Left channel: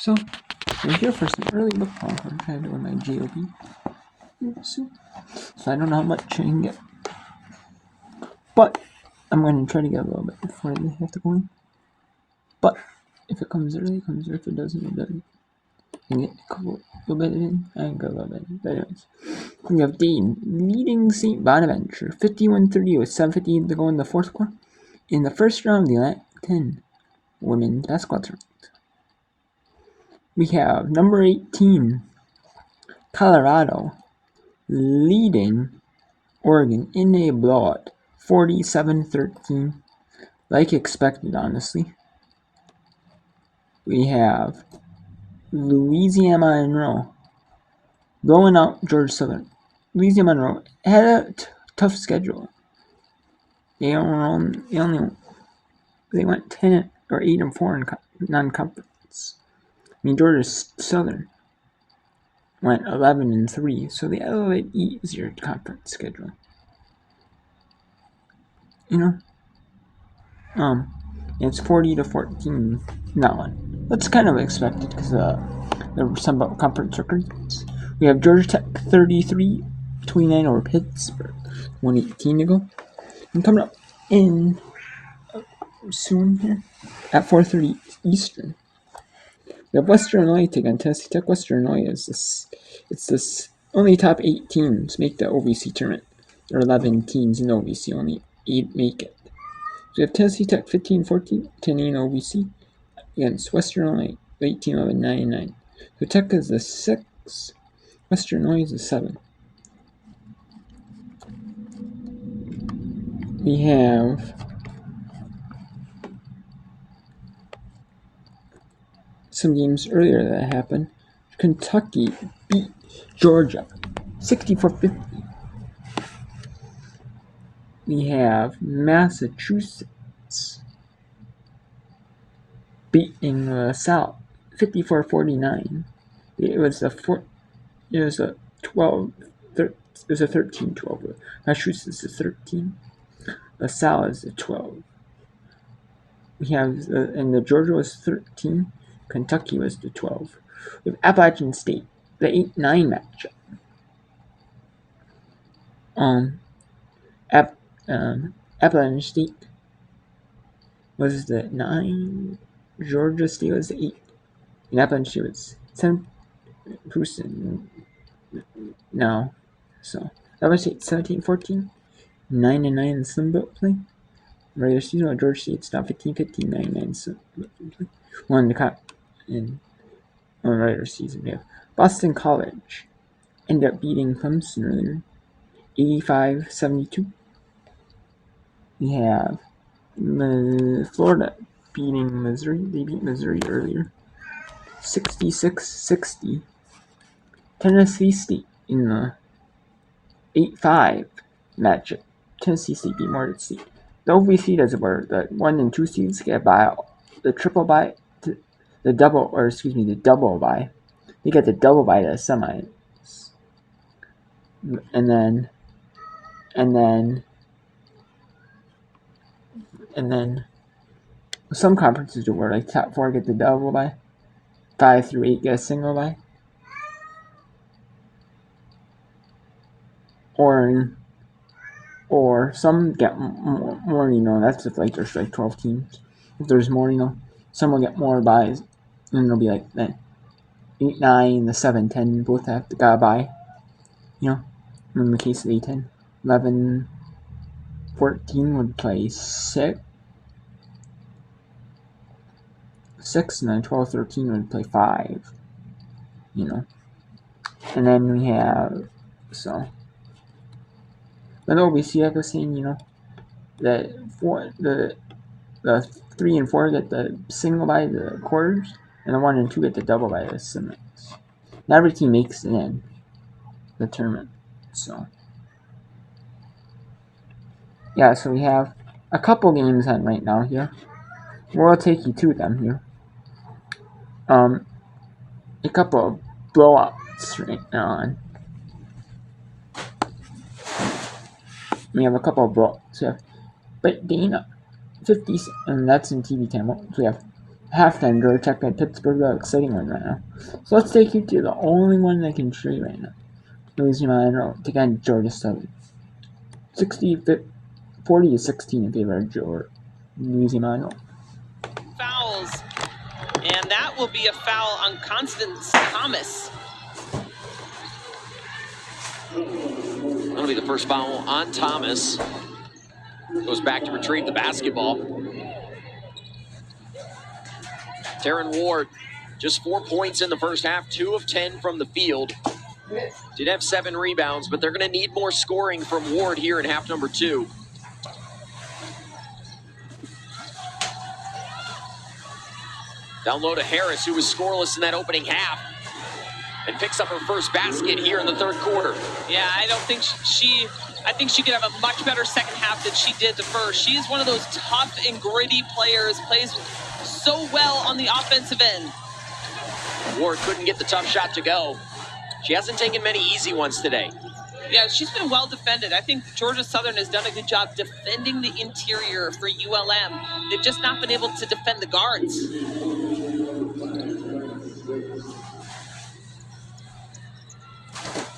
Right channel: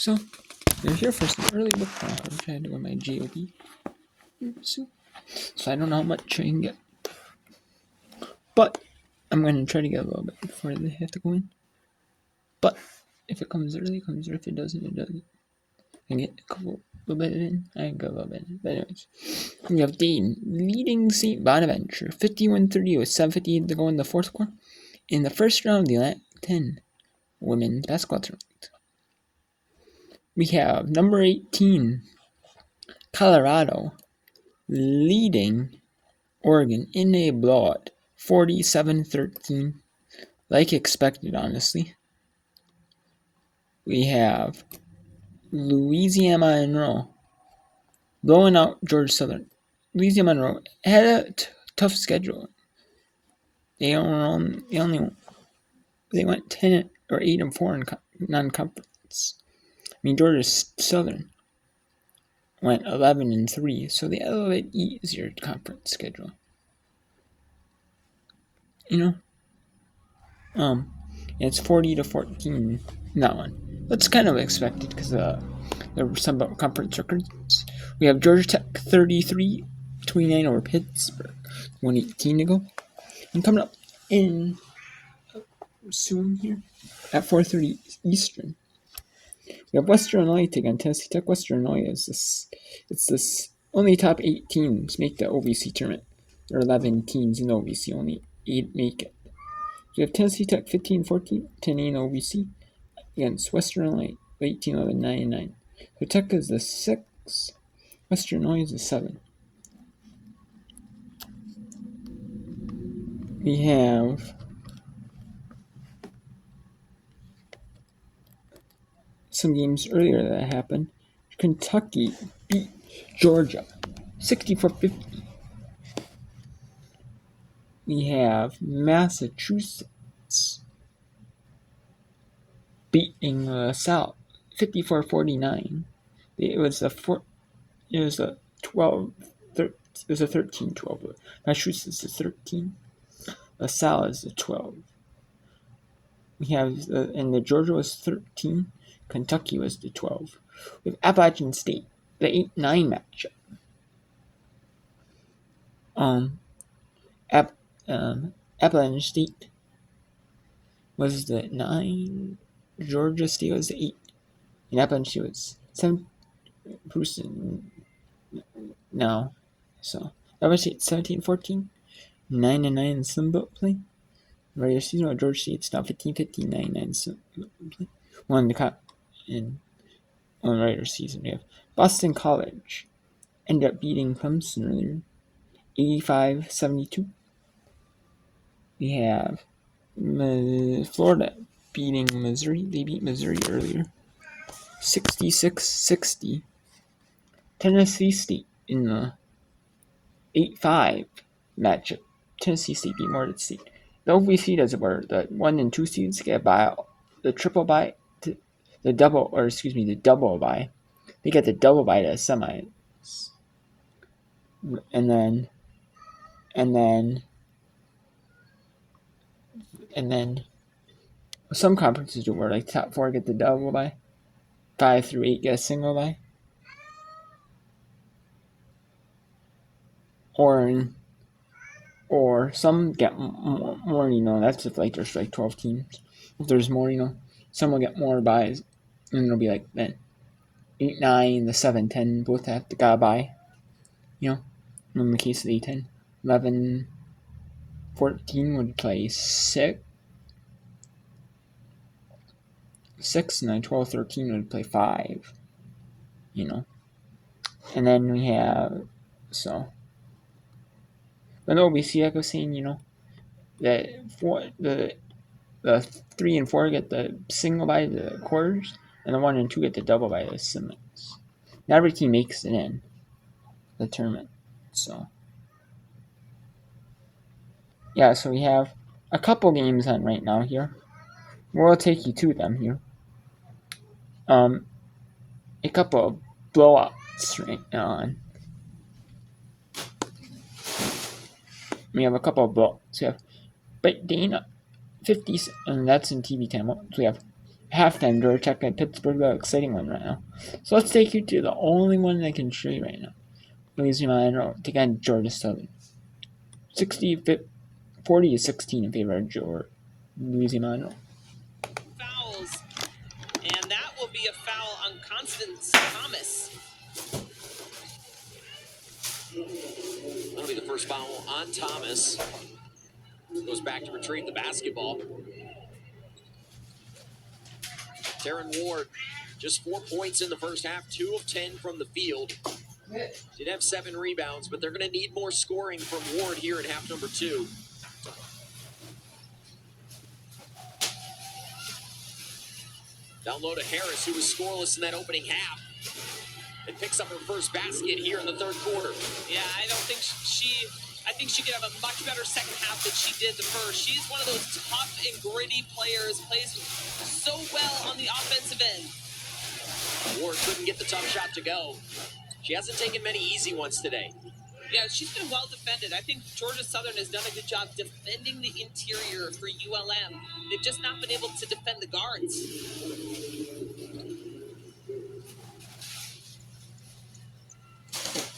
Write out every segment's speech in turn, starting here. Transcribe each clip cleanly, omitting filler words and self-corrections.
So, I'm here for some early book time. I'm trying to do my GOP soon. So I don't know how much I can get. But I'm going to try to get a little bit before they have to go in. But if it comes early, it comes early. If it doesn't, it doesn't. I can get a little bit in. I can get a little bit in. But anyways, we have Dane leading St. Bonaventure 51-30 with 7:50 to go in the fourth quarter. In the first round of the Atlantic 10 women's basketball tournament. We have number 18, Colorado, leading Oregon in a blowout, 47-13, like expected, honestly. We have Louisiana Monroe blowing out Georgia Southern. Louisiana Monroe had a tough schedule. They went 10 or 8-4 in non-conference. I mean, Georgia Southern went 11-3, so they had a little bit easier conference schedule. It's 40-14 that one. That's kind of expected because there were some conference records. We have Georgia Tech 33-29 over Pittsburgh, 1:18 to go. And coming up in soon here at 4:30 Eastern, we have Western Illinois taking on Tennessee Tech. Western Illinois is this only top 8 teams make the OVC tournament. There are 11 teams in the OVC, only 8 make it. So we have Tennessee Tech 15-14, 10-8 OVC against Western Illinois 18-11, 9-9. So Tech is the 6, Western Illinois is the 7. We have some games earlier that happened. Kentucky beat Georgia 64-50. We have Massachusetts beating South 54-49. It was a 13-12. Massachusetts is 13. LaSalle is a 12. We have and the Georgia was 13. Kentucky was the 12. We have Appalachian State, the 8-9 matchup. Appalachian State was the 9. Georgia State was the 8. And Appalachian State was 7. No. So Appalachian State 17-14. 9-9 in Sunbelt play. Regular season, while Georgia State's not 15-15, 9-9 Sunbelt play. Won the cup in regular season. We have Boston College ended up beating Clemson earlier, 85-72. We have Florida beating Missouri. They beat Missouri earlier, 66-60. Tennessee State in the 8-5 matchup. Tennessee State beat Florida State. The OVC does it where the 1 and 2 seeds get a buyout. The triple bye, the double bye. They get the double bye to the semis. And then some conferences do where like top 4 get the double bye, 5 through 8 get a single bye. Or some get more, that's if like there's like 12 teams. If there's more, some will get more byes. And it'll be like 8, 9, the 7, 10 both have to got a bye. In the case of A10, 11, 14 would play 6, and then 12, 13 would play 5. And then we have Then OVC, like I was saying, that the 3 and 4 get the single by the quarters, and the 1 and 2 get the double by the semis. Not every team makes it in the tournament. So we have a couple games on right now here. We'll take you to them here. A couple of blowouts right now on. We have a couple of blowouts. We have Dana 50, and that's in TV10. So we have halftime Georgia Tech at Pittsburgh, the exciting one right now. So let's take you to the only one I can show you right now. Louisiana Monroe take on Georgia Southern. 40-16 in favor of Louisiana Monroe. Fouls, and that will be a foul on Constance Thomas. That'll be the first foul on Thomas. Goes back to retrieve the basketball. Taryn Ward, just 4 points in the first half, 2 of 10 from the field. Did have 7 rebounds, but they're going to need more scoring from Ward here in half number 2. Down low to Harris, who was scoreless in that opening half, and picks up her first basket here in the third quarter. Yeah, I don't think I think she could have a much better second half than she did the first. She is one of those tough and gritty players, plays so well on the offensive end. Ward couldn't get the tough shot to go. She hasn't taken many easy ones today. Yeah, she's been well defended. I think Georgia Southern has done a good job defending the interior for ULM. They've just not been able to defend the guards.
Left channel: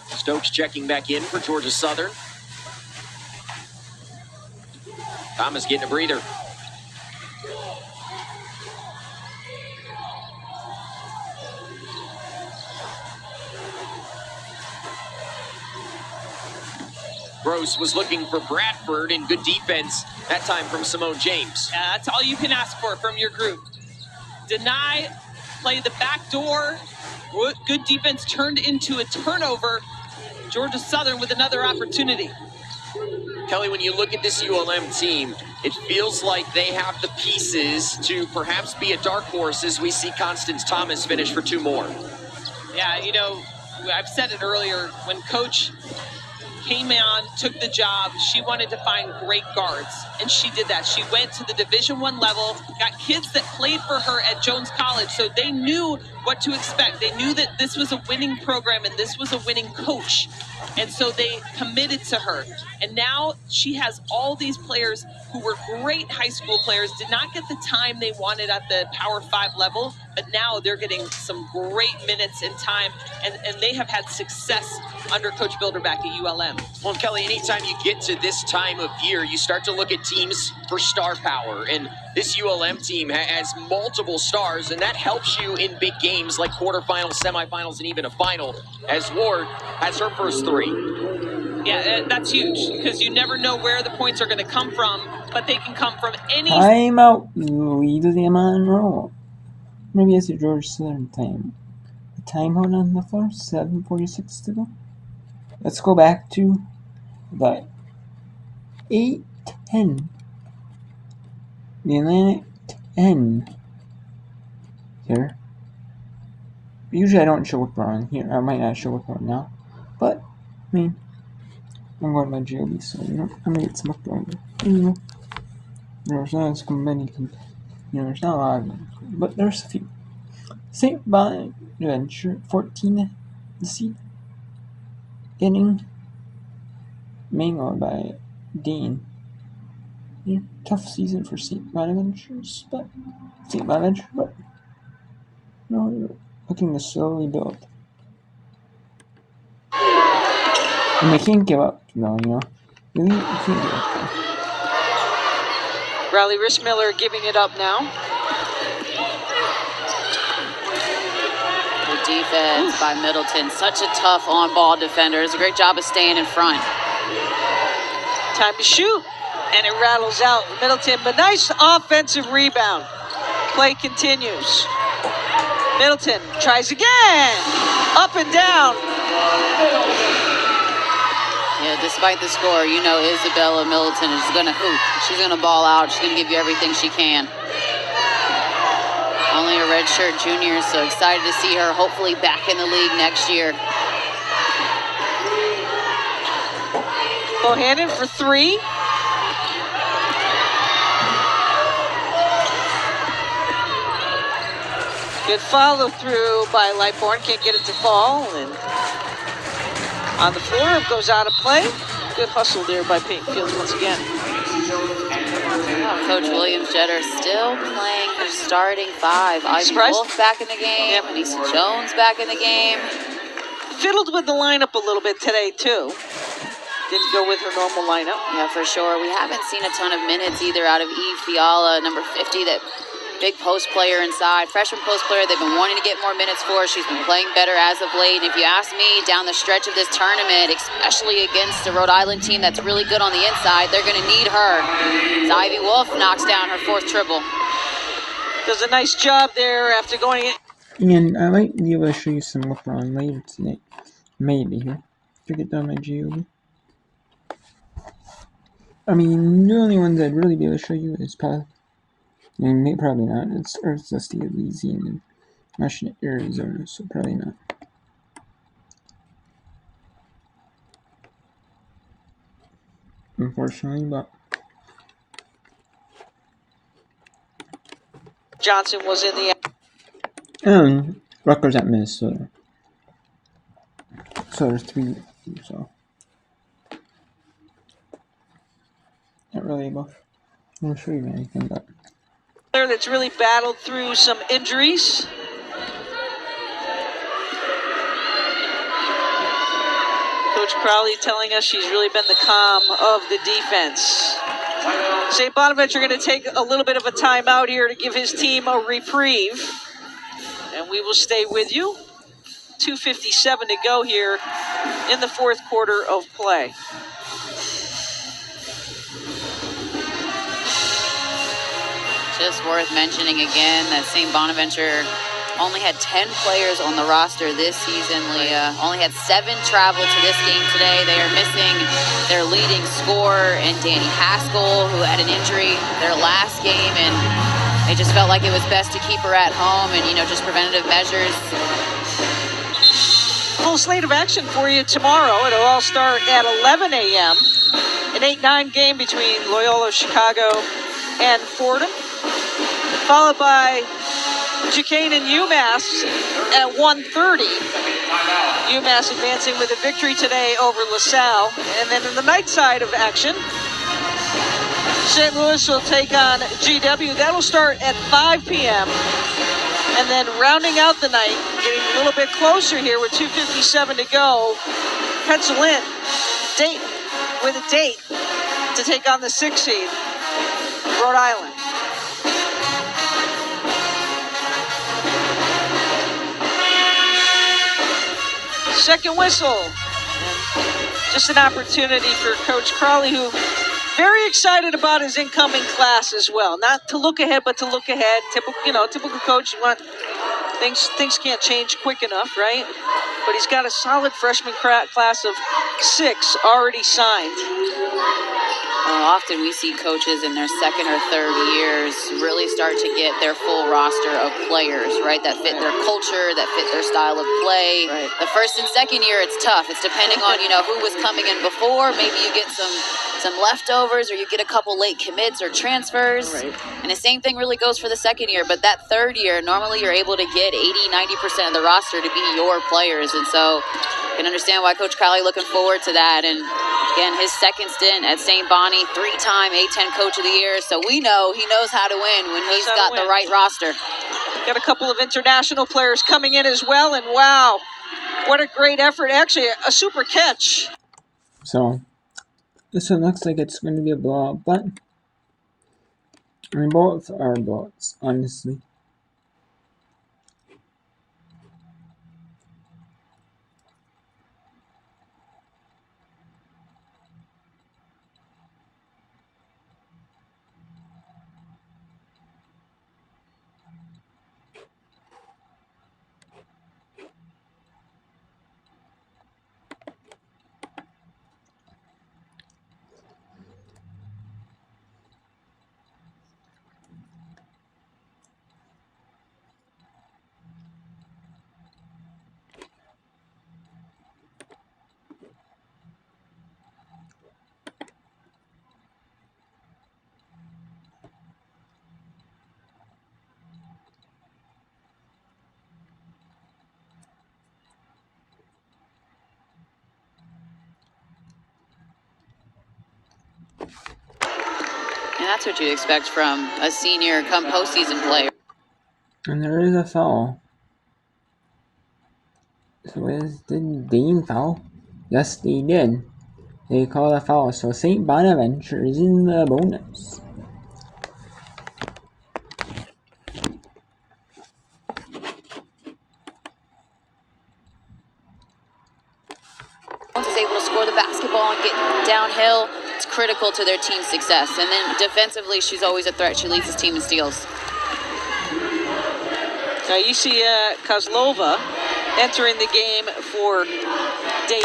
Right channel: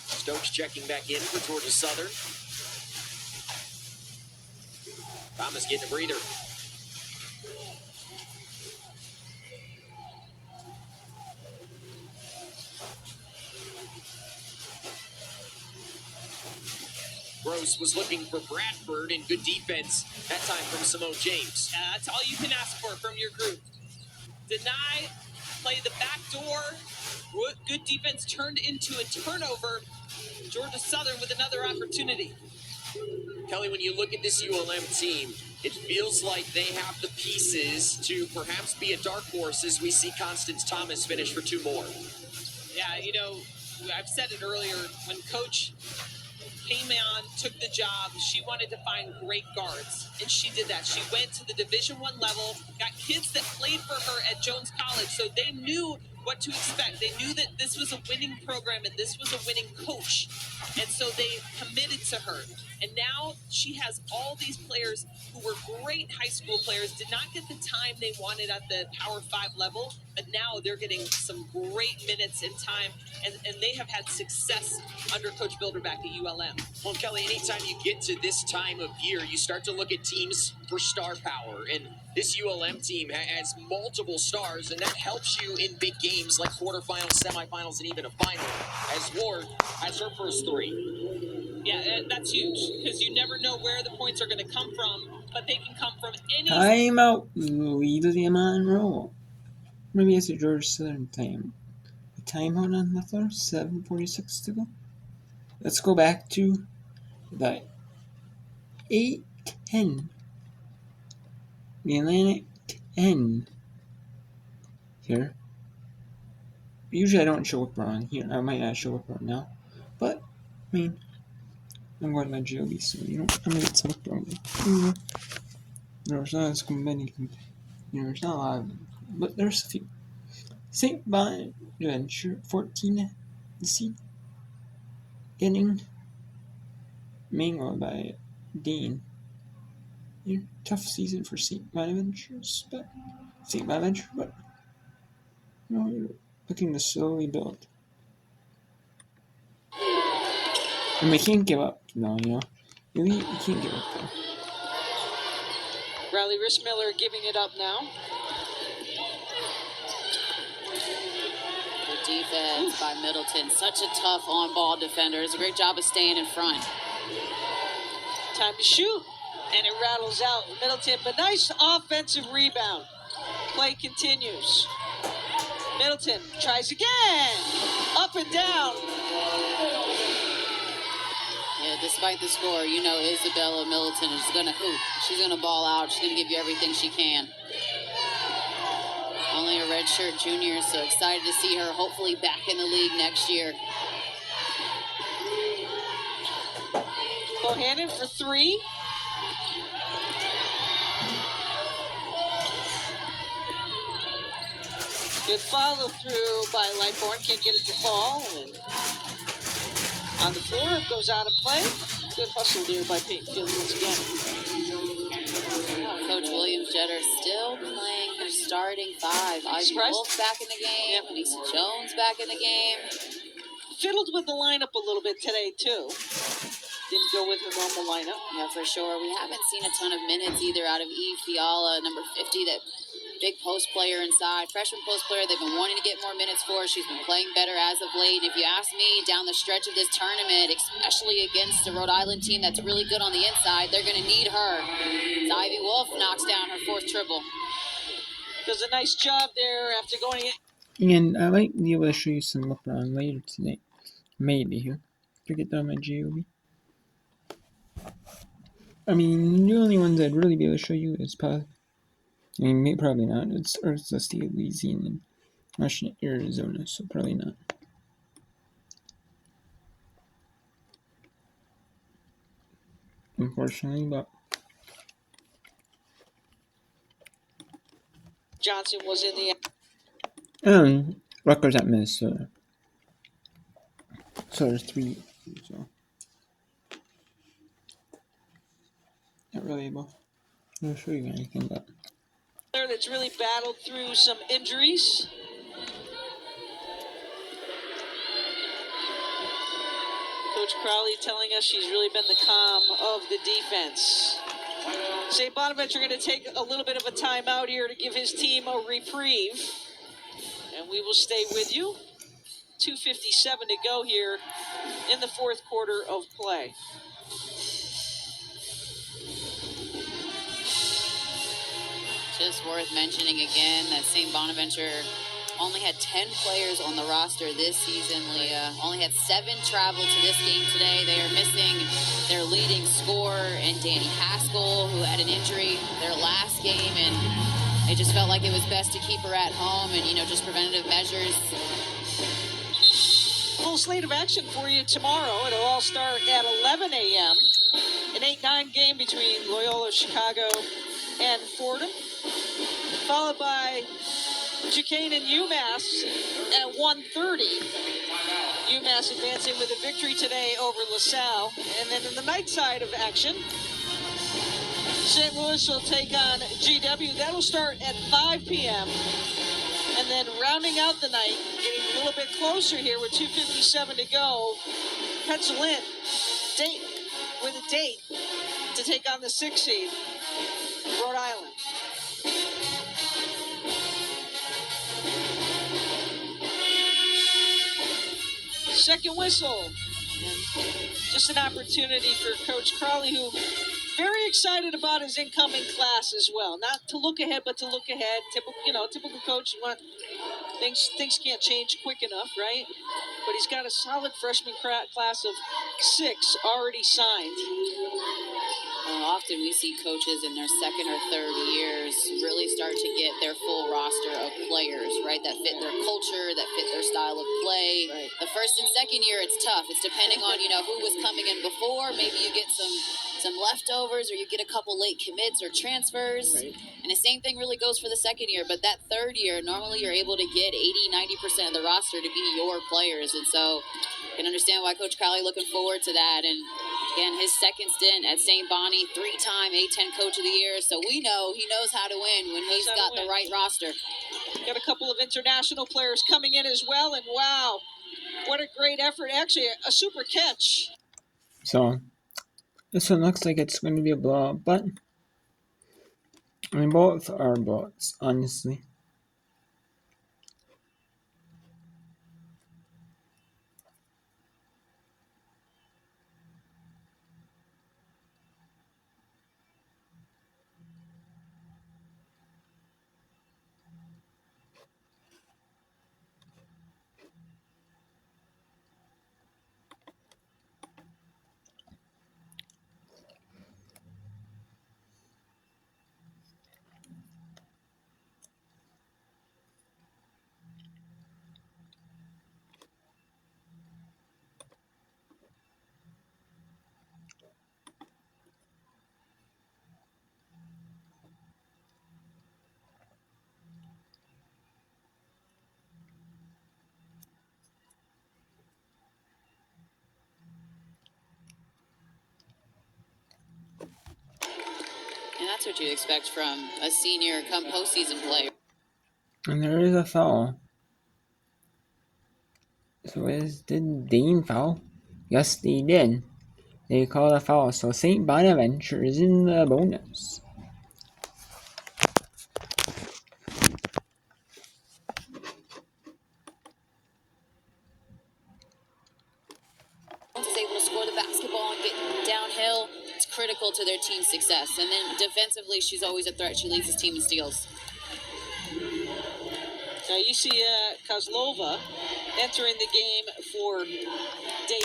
Stokes checking back in for Georgia Southern. Thomas getting a breather. Gross was looking for Bradford, and good defense that time from Simone James. That's all you can ask for from your group. Deny, play the back door. Good defense turned into a turnover. Georgia Southern with another opportunity. Kelly, when you look at this ULM team, it feels like they have the pieces to perhaps be a dark horse as we see Constance Thomas finish for 2 more. Yeah, you know, I've said it earlier, when Coach came on, took the job, she wanted to find great guards, and she did that. She went to the Division I level, got kids that played for her at Jones College, so they knew what to expect. They knew that this was a winning program and this was a winning coach, and so they committed to her. And now she has all these players who were great high school players, did not get the time they wanted at the Power 5 level, but now they're getting some great minutes and time, and they have had success under Coach Bilderback at ULM. Well, Kelly, anytime you get to this time of year, you start to look at teams for star power, and this ULM team has multiple stars, and that helps you in big games like quarterfinals, semifinals, and even a final, as Ward has her first 3. Yeah, that's huge, because you never know where the points are going to come from, but they can come from any... Time out, Louisiana Monroe. Maybe it's a Georgia Southern time. The timeout on the floor, 7:46 to go. Let's go back to the 8-10. The Atlantic 10 here. Usually I don't show what we're on here. I might not show what we're on now. But, I mean, I'm going to my GOB, so I'm going to get some up there. There's not as many, there's not a lot of them, but there's a few. St. Bonaventure, 14 seed. Inning. Mango by Dean. Yeah, tough season for St. Bonaventure, but no, you're looking to slowly build. And we can't give up, though, you know. We can't give up, though. Riley Rishmiller giving it up now. Good defense by Middleton. Such a tough on-ball defender. Does a great job of staying in front. Time to shoot. And it rattles out Middleton. But nice offensive rebound. Play continues. Middleton tries again. Up and down. Yeah, despite the score, you know Isabella Middleton is going to hoop. She's going to ball out. She's going to give you everything she can. Only a redshirt junior, so excited to see her hopefully back in the league next year. Bohannon for 3. Good follow through by Lightbourne. Can't get it to fall. And on the floor, it goes out of play. Good hustle there by Peyton Fields once again. Coach Williams-Jeter still playing her starting five. Ivy Wolf back in the game. Yep. Anissa Jones back in the game. Fiddled with the lineup a little bit today, too. Didn't go with her normal lineup. Yeah, for sure. We haven't seen a ton of minutes either out of Eve Fiala, number 50, that big post player inside. Freshman post player they've been wanting to get more minutes for. She's been playing better as of late. And if you ask me, down the stretch of this tournament, especially against the Rhode Island team that's really good on the inside, they're going to need her. As Ivy Wolf knocks down her fourth triple. Does a nice job there after going in. And I might be able to show you some work on later tonight. Maybe here. To get down my GOB. I mean, the only ones I'd really be able to show you is probably, probably not. It's the state of Louisiana and Washington, Arizona, so probably not. Unfortunately, but Johnson was in the. Rutgers at Minnesota. So there's 3. So not really able to show you anything, but player that's really battled through some injuries. Coach Crowley telling us she's really been the calm of the defense. St. Bonaventure going to take a little bit of a timeout here to give his team a reprieve. And we will stay with you. 2:57 to go here in the fourth quarter of play. Just worth mentioning again that St. Bonaventure only had 10 players on the roster this season, Leah. Only had 7 travel to this game today. They are missing their leading scorer and Danny Haskell, who had an injury their last game, and they just felt like it was best to keep her at home and, just preventative measures. Full slate of action for you tomorrow. It'll all start at 11 a.m. An 8-9 game between Loyola Chicago and Fordham, followed by Duquesne and UMass at 1:30. UMass advancing with a victory today over LaSalle. And then in the night side of action, St. Louis will take on GW. That'll start at 5 p.m. And then rounding out the night, getting a little bit closer here with 2:57 to go, pencil in Dayton with a date to take on the 6th seed, Rhode Island. Second whistle. And just an opportunity for Coach Crowley, who very excited about his incoming class as well. Not to look ahead, but to look ahead. Typical coach. You want things can't change quick enough, right? But he's got a solid freshman class of 6 already signed. Often we see coaches in their second or third years really start to get their full roster of players, right, that fit their culture, that fit their style of play. Right. The first and second year, it's tough. It's depending on, who was coming in before. Maybe you get some leftovers, or you get a couple late commits or transfers. Right. And the same thing really goes for the second year. But that third year, normally you're able to get 80-90% of the roster to be your players. And so you can understand why Coach Crowley looking forward to that. And again, his second stint at St. Bonnie, 3-time A-10 Coach of the Year. So we know he knows how to win when he's got the right roster. Got a couple of international players coming in as well. And wow, what a great effort. Actually, a super catch. so this one looks like it's going to be a blowout, but both are blowouts, honestly. And that's what you'd expect from a senior come postseason player. And there is a foul. So did Dean foul? Yes, they did. They called a foul, so St. Bonaventure is in the bonus. Once is able to score the basketball and get downhill, it's critical to their team's success. And then defensively, she's always a threat. She leads his team in steals. Now you see Kozlova entering the game for Dave.